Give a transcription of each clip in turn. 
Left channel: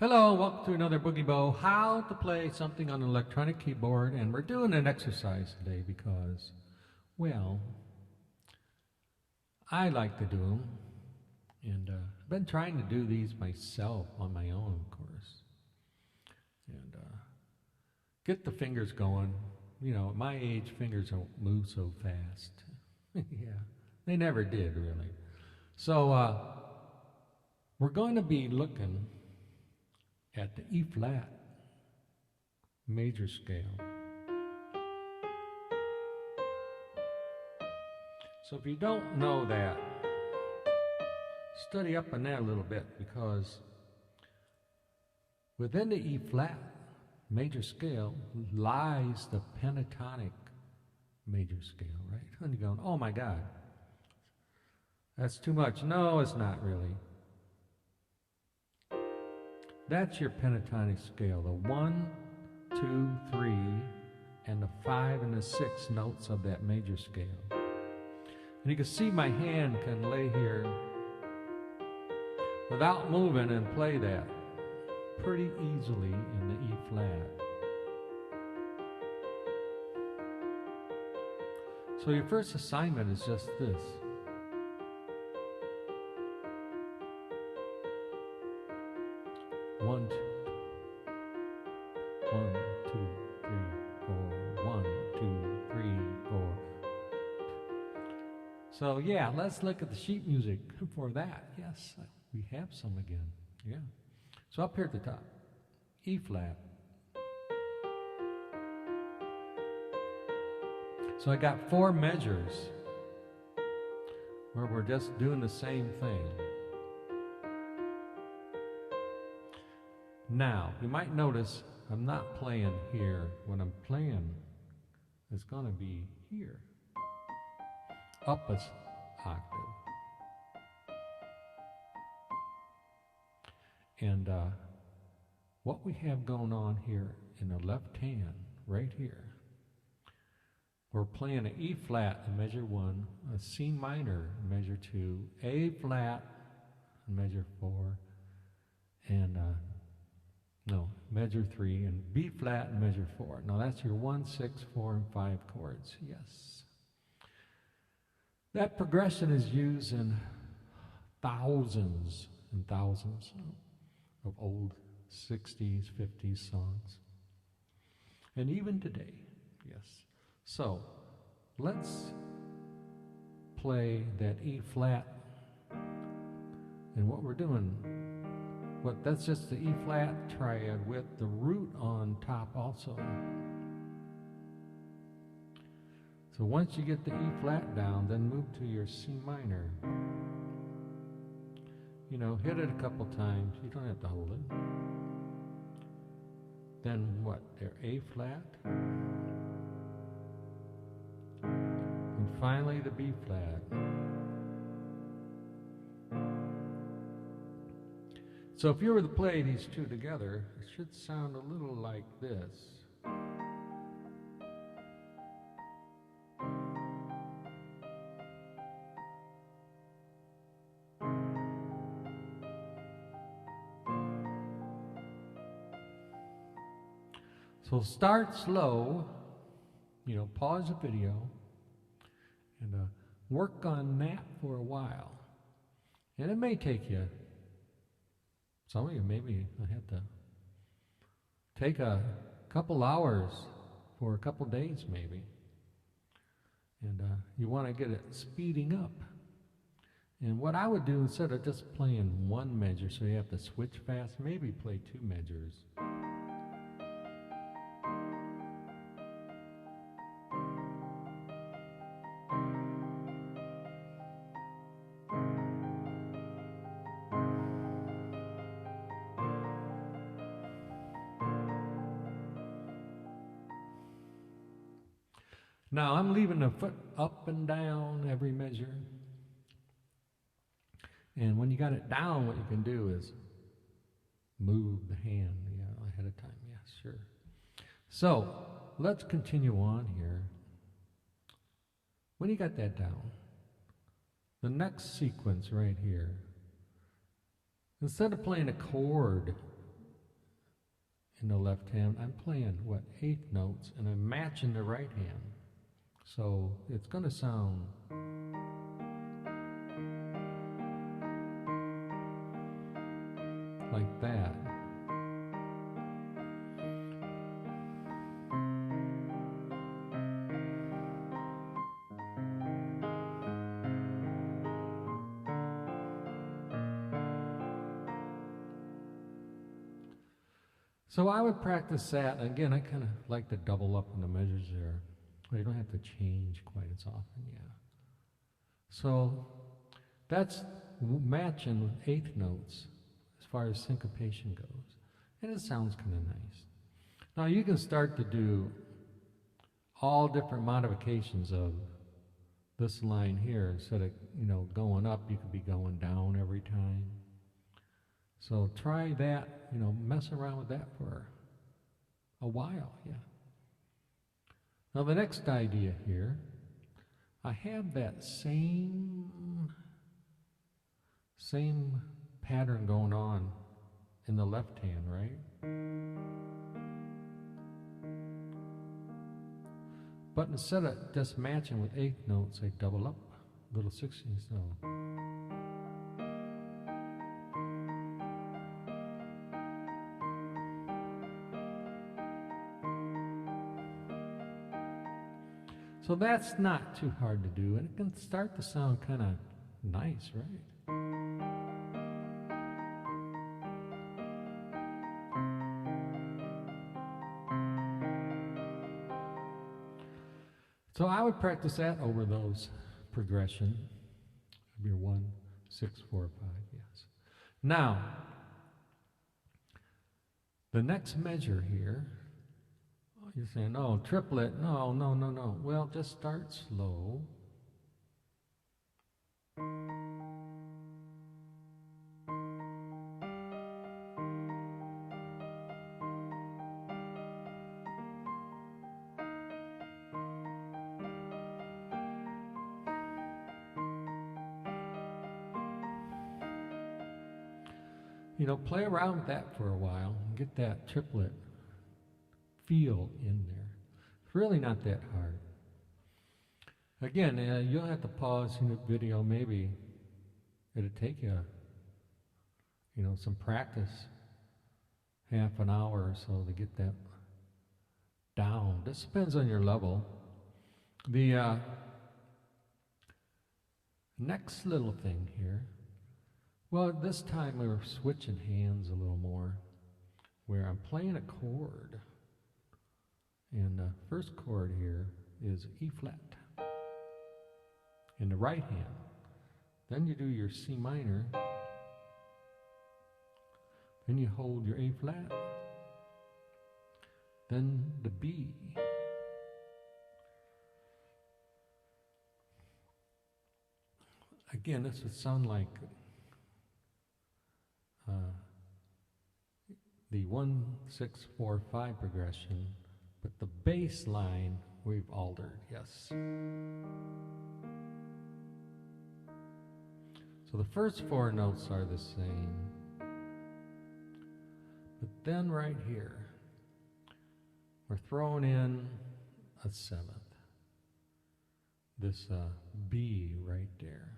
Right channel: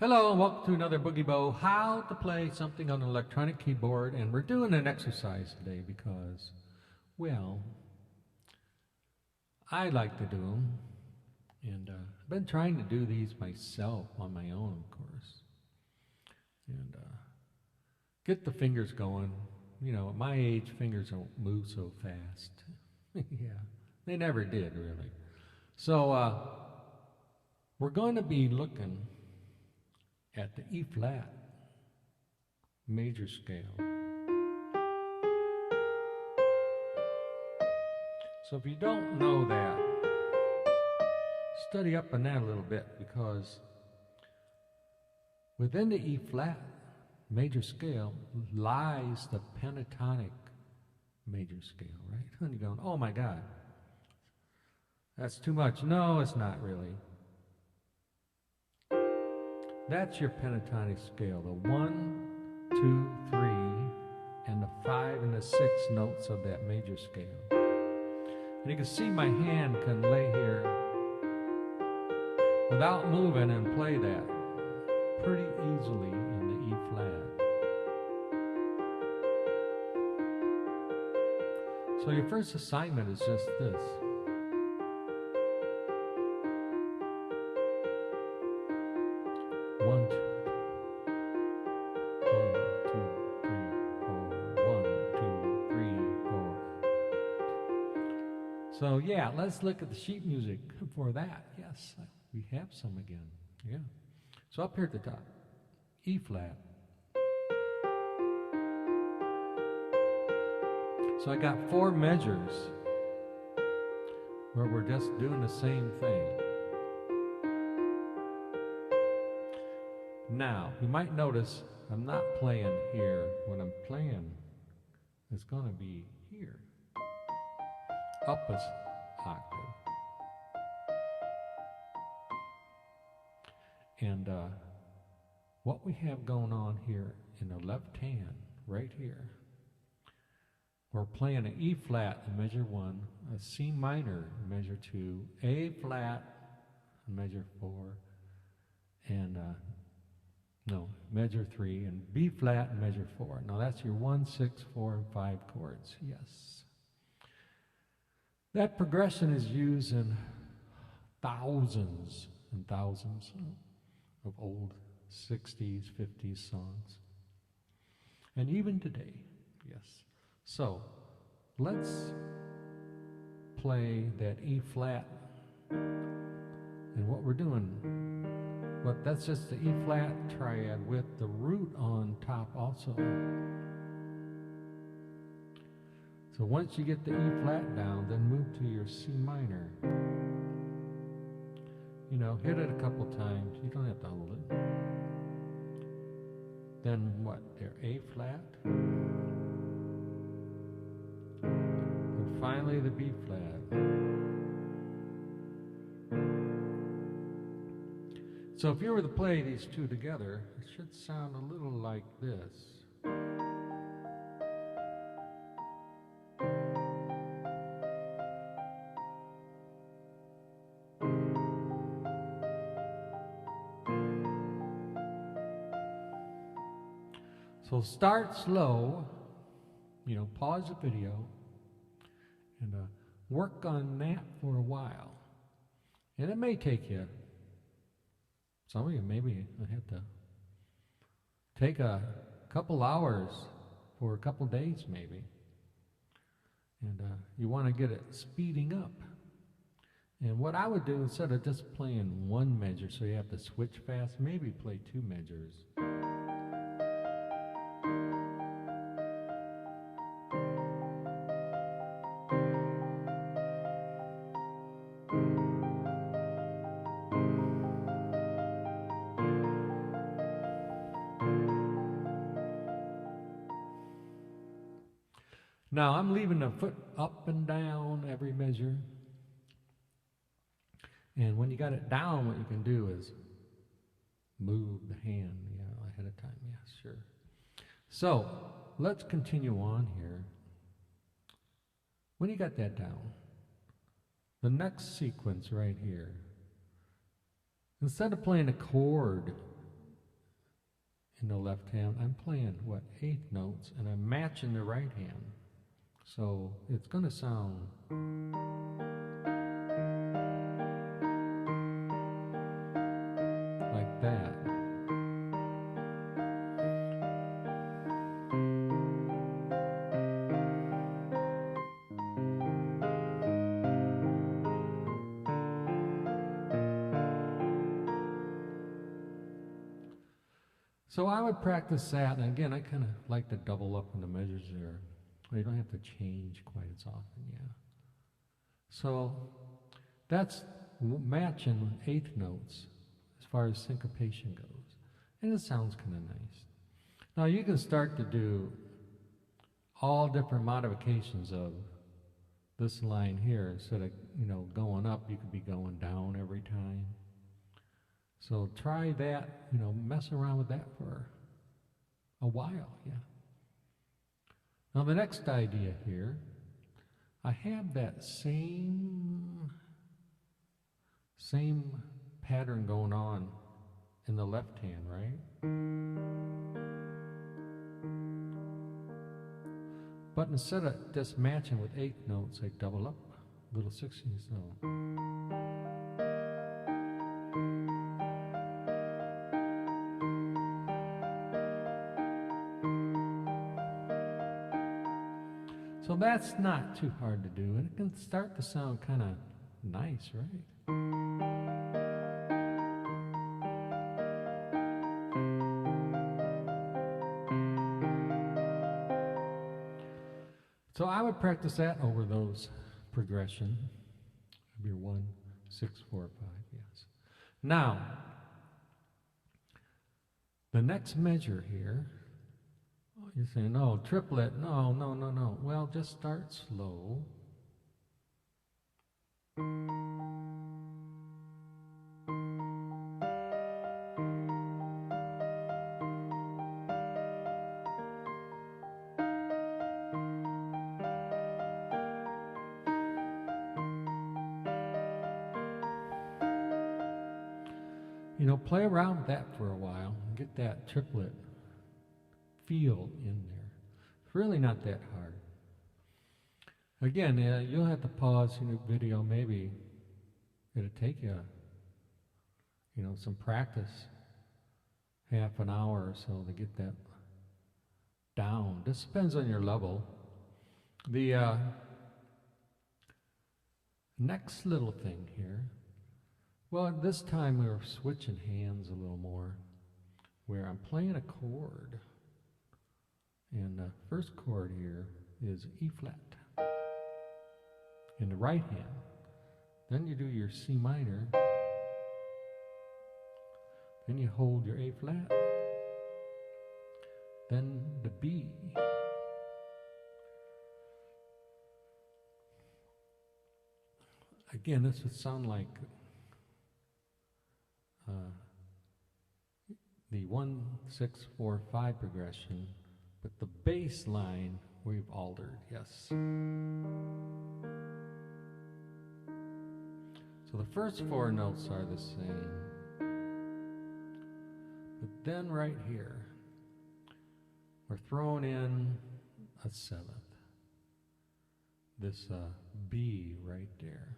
Hello and welcome to another Boogie Bow, how to play something on an electronic keyboard. And we're doing an exercise today because, well, I like to do them. And I've been trying to do these myself on my own, of course. And get the fingers going. You know, at my age, fingers don't move so fast. Yeah, they never did, really. So we're going to be looking at the E flat major scale. So if you don't know that, study up on that a little bit, because within the E flat major scale lies the pentatonic major scale, right? And you're going, oh my God, that's too much. No, it's not really. That's your pentatonic scale, the 1, 2, 3, and the 5 and the 6 notes of that major scale. And you can see my hand can lay here without moving and play that pretty easily in the E flat. So your first assignment is just this. One, two, three, four. 1, 2, 3, 4. So yeah, let's look at the sheet music for that. Yes, we have some again. Yeah. So up here at the top, E flat. So I got 4 measures where we're just doing the same thing. Now, you might notice I'm not playing here. When I'm playing, it's going to be here, up an octave. And what we have going on here in the left hand, right here, we're playing an E flat in measure 1, a C minor in measure 2, A flat in measure 4, and measure 3, and B flat and measure 4. Now that's your 1, 6, 4, and 5 chords. Yes. That progression is used in thousands and thousands of old 60s, 50s songs. And even today, yes. So let's play that E flat. And what we're doing, that's just the E flat triad with the root on top also. So once you get the E flat down, then move to your C minor. You know, hit it a couple times. You don't have to hold it. Then what? There, A flat. And finally the B flat. So if you were to play these two together, it should sound a little like this. So start slow, pause the video, and work on that for a while. And it may take you, some of you maybe have to take a couple hours for a couple days maybe. And you want to get it speeding up. And what I would do, instead of just playing one measure so you have to switch fast, maybe play 2 measures. Now, I'm leaving the foot up and down every measure. And when you got it down, what you can do is move the hand, ahead of time. Yeah, sure. So, let's continue on here. When you got that down, the next sequence right here, instead of playing a chord in the left hand, I'm playing, what, eighth notes, and I'm matching the right hand. So it's going to sound like that. So I would practice that, and again, I kind of like to double up on the measures there. You don't have to change quite as often, yeah. So that's matching eighth notes as far as syncopation goes, and it sounds kind of nice. Now you can start to do all different modifications of this line here. Instead of going up, you could be going down every time. So try that, mess around with that for a while, yeah. Now the next idea here, I have that same pattern going on in the left hand, right? But instead of just matching with eighth notes, I double up little 16ths note. So that's not too hard to do, and it can start to sound kind of nice, right? So I would practice that over those progression of your 1, 6, 4, 5, yes. Now, the next measure here, you're saying, oh, triplet, no. Well, just start slow. Play around with that for a while and get that triplet feel in there. It's really not that hard. Again, you'll have to pause in the video. Maybe it'll take you, some practice, half an hour or so to get that down. This depends on your level. The next little thing here, well, this time we were switching hands a little more, where I'm playing a chord. And the first chord here is E flat in the right hand. Then you do your C minor. Then you hold your A flat. Then the B. Again, this would sound like the 1, 6, 4, 5 progression. But the bass line we've altered, yes. So the first 4 notes are the same. But then right here, we're throwing in a 7th. This B right there.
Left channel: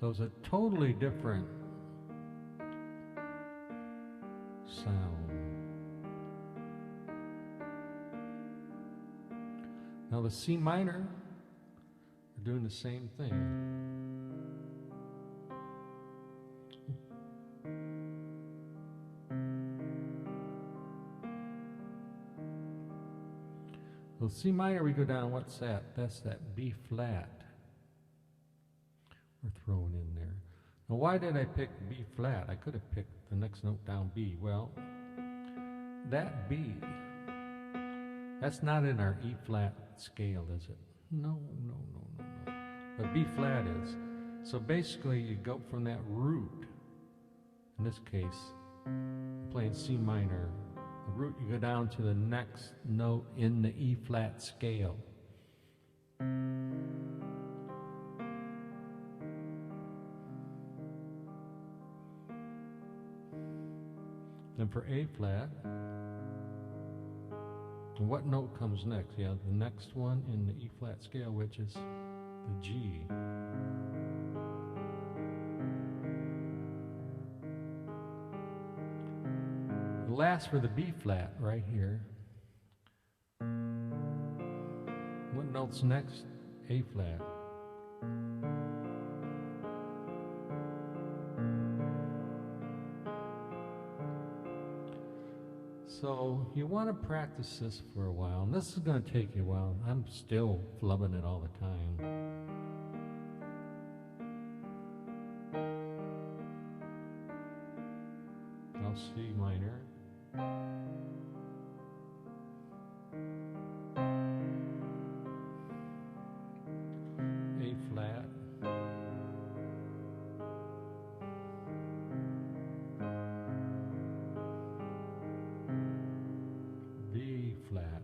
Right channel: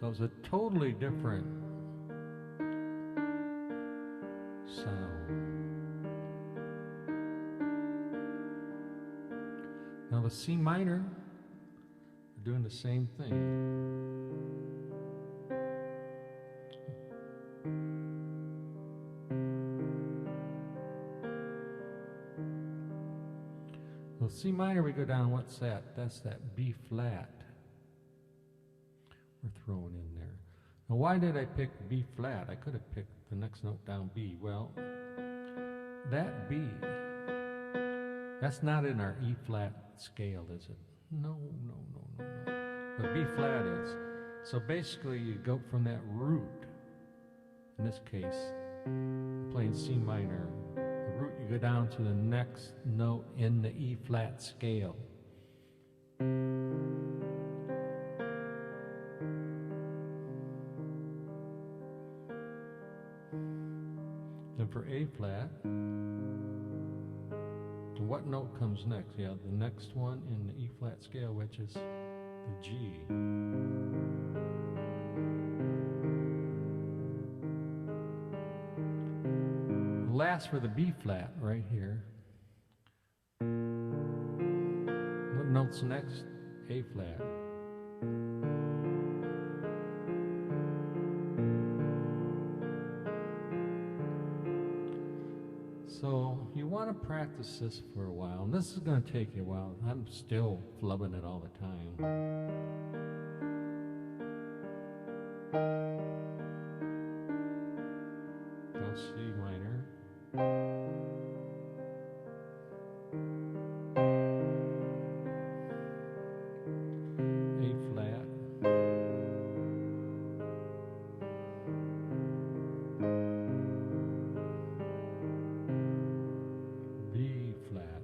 So it's a totally different sound. Now the C minor, we're doing the same thing. So C minor, we go down, what's that? That's that B flat we're throwing in there. Now why did I pick B flat? I could have picked the next note down B. Well, that B, that's not in our E flat scale, is it? No. But B flat is. So basically you go from that root, in this case, I'm playing C minor, the root, you go down to the next note in the E flat scale. Then for A flat, and what note comes next? Yeah, the next one in the E flat scale, which is the G. Last for the B flat right here. What note's next? A flat. So you want to practice this for a while, and this is going to take you a while. I'm still flubbing it all the time. I'll C minor. A flat. B flat.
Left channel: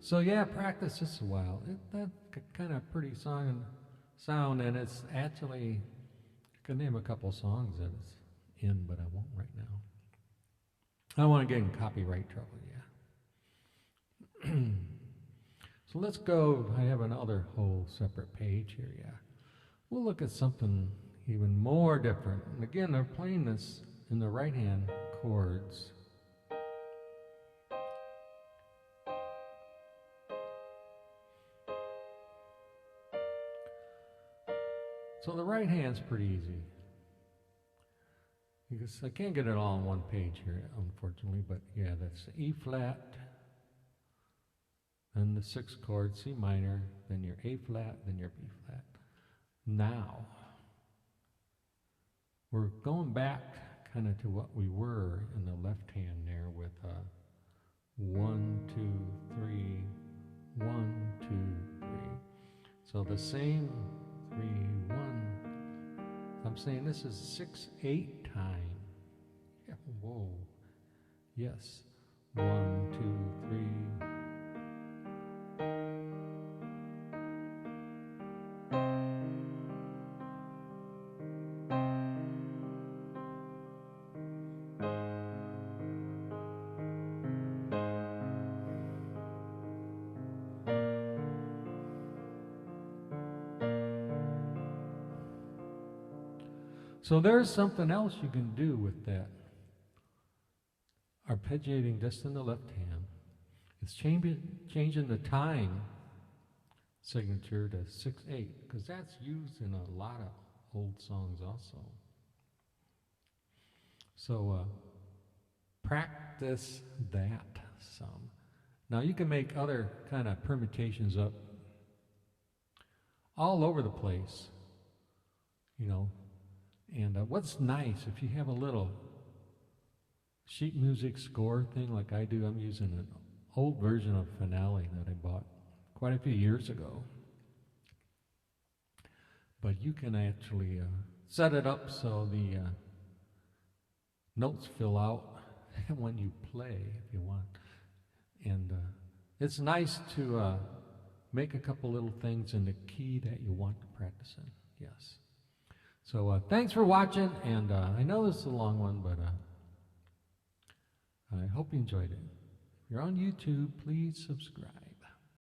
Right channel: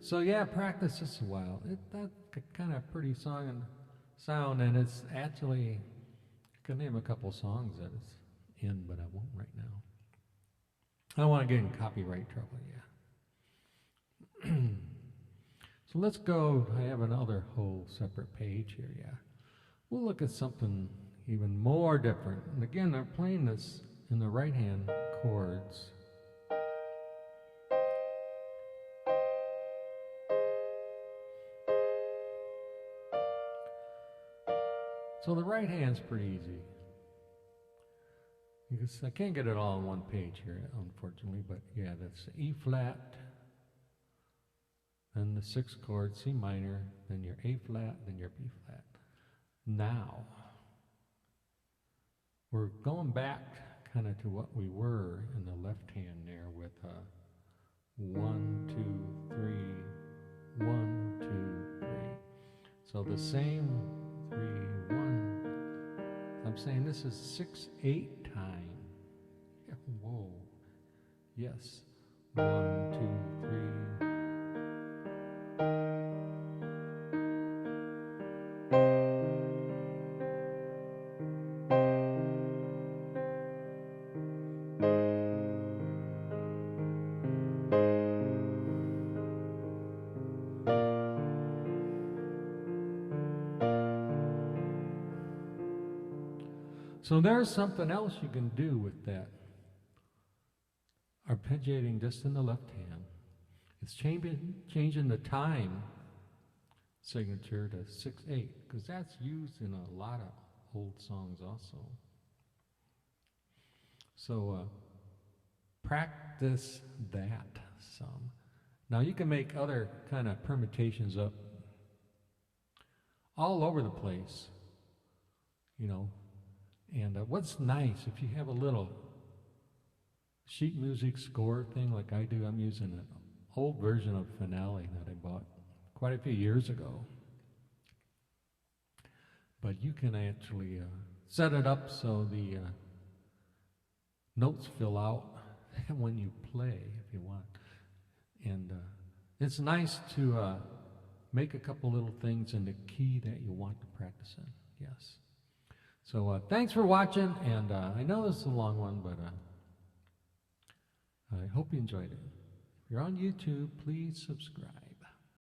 So yeah, practice this a while. That's kind of pretty sound, and it's actually, I can name a couple songs that it's in, but I won't right now. I don't want to get in copyright trouble, yeah. So let's go, I have another whole separate page here, yeah. We'll look at something even more different. And again, they're playing this in the right hand chords. So the right hand's pretty easy. Because I can't get it all on one page here, unfortunately, but yeah, that's E flat, then the sixth chord, C minor, then your A flat, then your B flat. Now, we're going back kind of to what we were in the left hand there with 1, 2, 3, 1, 2, 3. So the same 3, 1. I'm saying this is 6/8 time. Yeah, whoa. Yes. 1, 2, 3. So there's something else you can do with that arpeggiating just in the left hand. It's changing the time signature to 6/8, because that's used in a lot of old songs also. So practice that some. Now you can make other kind of permutations up all over the place, you know. And what's nice, if you have a little sheet music score thing like I do, I'm using an old version of Finale that I bought quite a few years ago. But you can actually set it up so the notes fill out when you play if you want. And it's nice to make a couple little things in the key that you want to practice in, yes. So thanks for watching, and I know this is a long one, but I hope you enjoyed it. If you're on YouTube, please subscribe.